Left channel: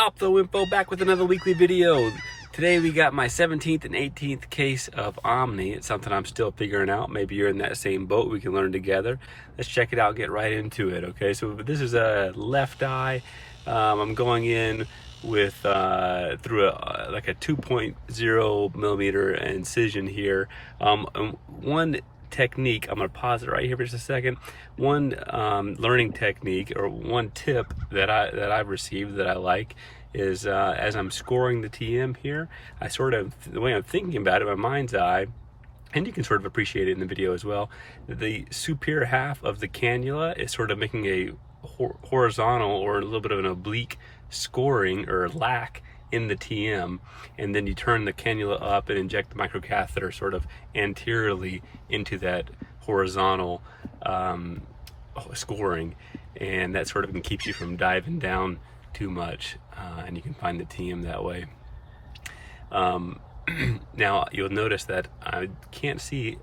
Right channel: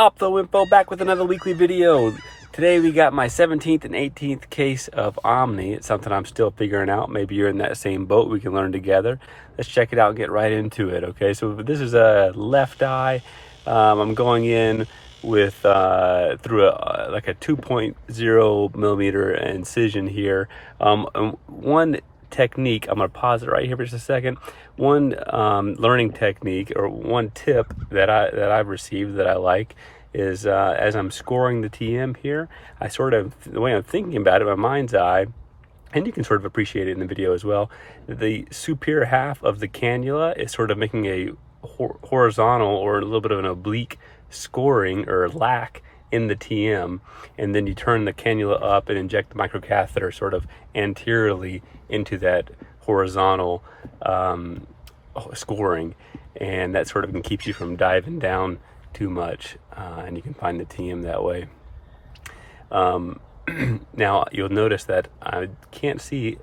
Ophtho back with another weekly video. Today we got my 17th and 18th case of Omni. It's something I'm still figuring out. Maybe you're in that same boat. We can learn together. Let's check it out and get right into it. Okay, so this is a left eye. I'm going in with through like a 2.0 millimeter incision here. And one technique, I'm going to pause it right here for just a second. One learning technique or one tip that I've received that I like is as I'm scoring the TM here, I sort of, the way I'm thinking about it, my mind's eye, and you can sort of appreciate it in the video as well, the superior half of the cannula is sort of making a horizontal or a little bit of an oblique scoring or lack in the TM, and then you turn the cannula up and inject the microcatheter sort of anteriorly into that horizontal scoring, and that sort of keeps you from diving down too much, and you can find the TM that way. Now you'll notice that I can't see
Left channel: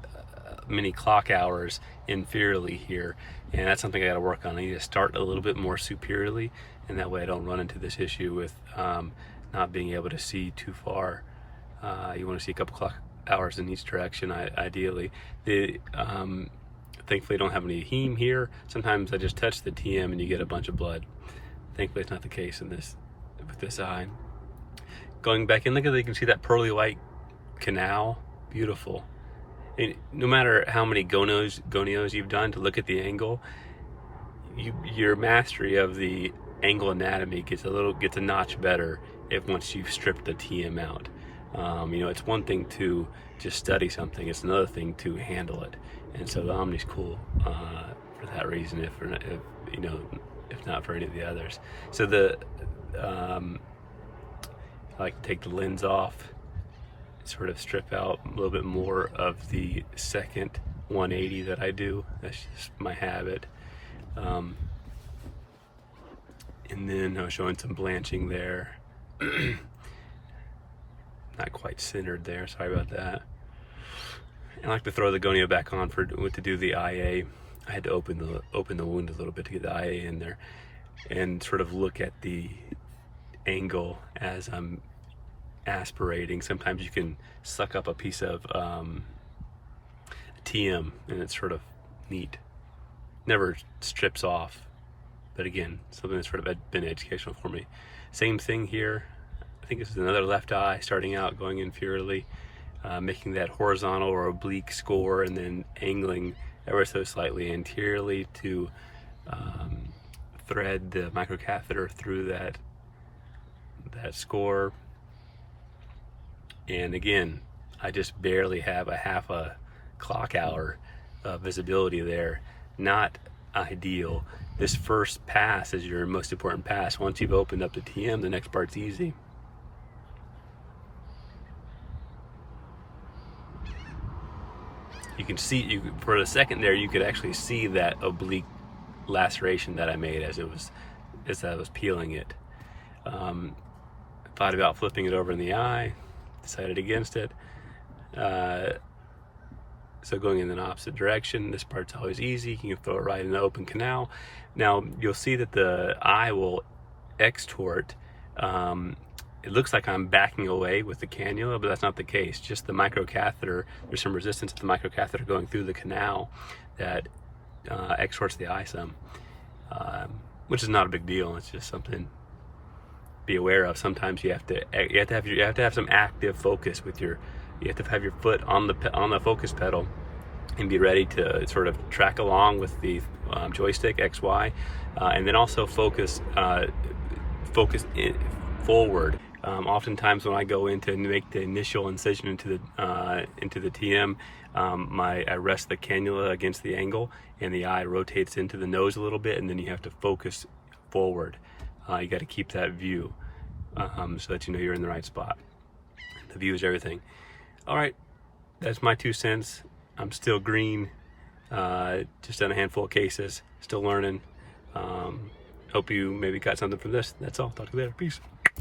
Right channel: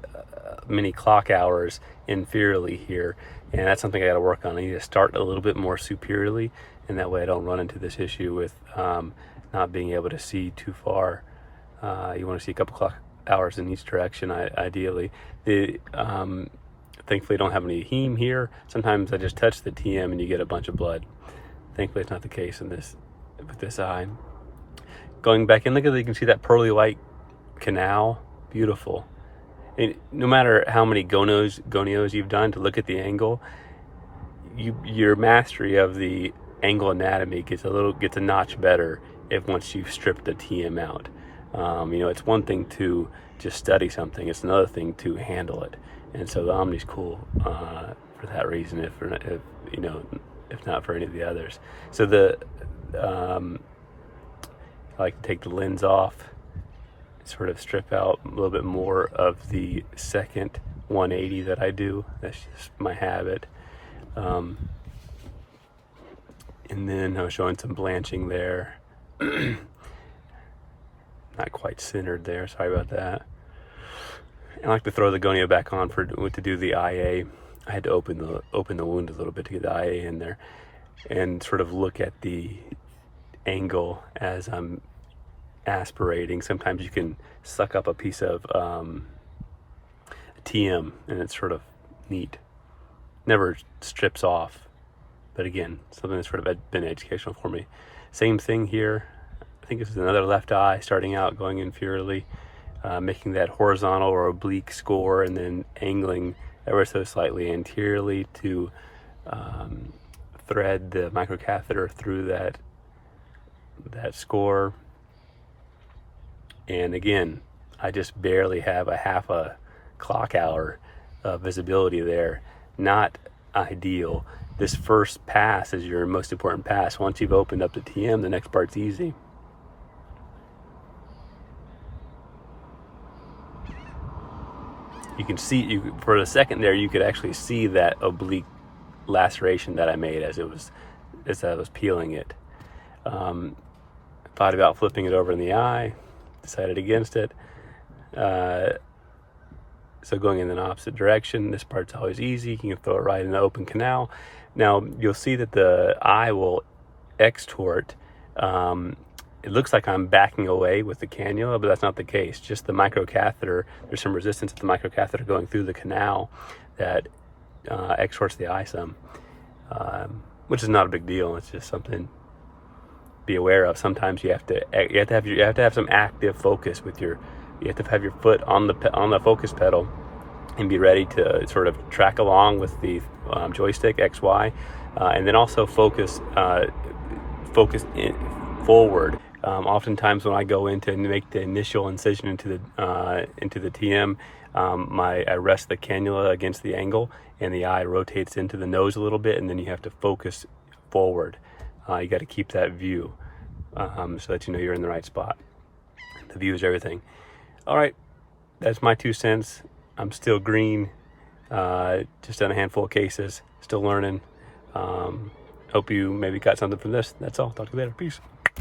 many clock hours inferiorly here, and that's something I got to work on. I need to start a little bit more superiorly, and that way I don't run into this issue with not being able to see too far. You want to see a couple clock hours in each direction, ideally. Thankfully I don't have any heme here. Sometimes I just touch the TM and you get a bunch of blood. Thankfully it's not the case in this with this eye. Going back in, look at that, you can see that pearly white canal. Beautiful. And no matter how many gonios you've done to look at the angle, your mastery of the angle anatomy gets a notch better once you've stripped the TM out. You know, it's one thing to just study something, it's another thing to handle it. And so the Omni's cool for that reason, if you know, if not for any of the others. So I like to take the lens off, sort of strip out a little bit more of the second 180 that I do. That's just my habit. And then I was showing some blanching there. Not quite centered there, sorry about that. I like to throw the gonio back on to do the IA. I had to open the wound a little bit to get the IA in there, and sort of look at the angle as I'm aspirating. Sometimes you can suck up a piece of TM, and it's sort of neat. Never strips off, but again, something that's sort of been educational for me. Same thing here. I think this is another left eye starting out, going inferiorly, making that horizontal or oblique score, and then angling ever so slightly anteriorly to thread the microcatheter through that score. And again, I just barely have a half a clock hour of visibility there. Not ideal. This first pass is your most important pass. Once you've opened up the TM, the next part's easy. You can see, for a second there, you could actually see that oblique laceration that I made as I was peeling it. Thought about flipping it over in the eye, decided against it. So going in the opposite direction, this part's always easy. You can throw it right in the open canal. Now you'll see that the eye will extort. It looks like I'm backing away with the cannula, but that's not the case. Just the microcatheter, there's some resistance to the microcatheter going through the canal that extorts the eye some, which is not a big deal. It's just something to be aware of. Sometimes you have to have some active focus with you have to have your foot on the focus pedal and be ready to sort of track along with the joystick XY, and then also focus forward. Oftentimes when I go in to make the initial incision into the TM, I rest the cannula against the angle, and the eye rotates into the nose a little bit, and then you have to focus forward. You got to keep that view so that you know you're in the right spot. The view is everything. All right, that's my 2 cents. I'm still green, just done a handful of cases, still learning. Hope you maybe got something from this. That's all. Talk to you later. Peace.